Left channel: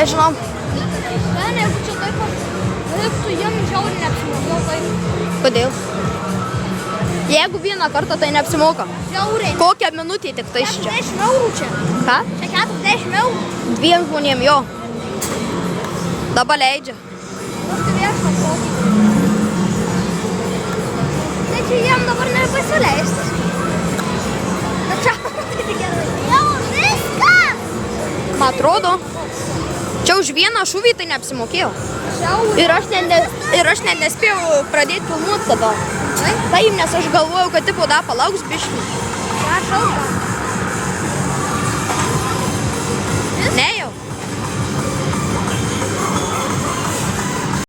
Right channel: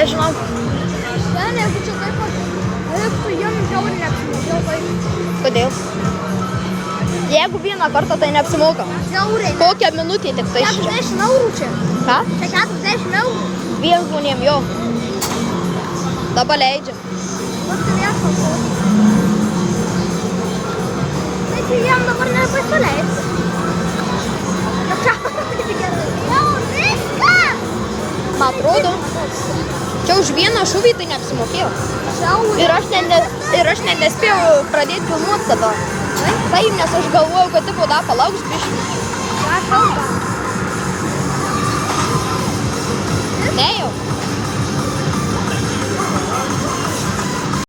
Nežinau. Ten, jeigu čia taip pat, reiktų jiem žiauriai neapsimokėjau taip. Kodėl? Jeigu vieną kartą, tai neapsimoka. Žiauriai. Kokią minutę tik tai čia? 40 eurų čia. Ką? Čia 40 eurų. 2 žmonėm jo. Dabar leidžia. Aš tai viešą protį. Tai čia jiem dabar nepasileisti. Bet čia gerai. Jau viskas. Man atrodo, čia už vieną šūvį tai neapsimokėjau. Žiauriai. Ir aš net nespėjau pradėti filmuoti tada. Taip, nes aš galvojau, kad tipo da palauks biškį. Ką kalba?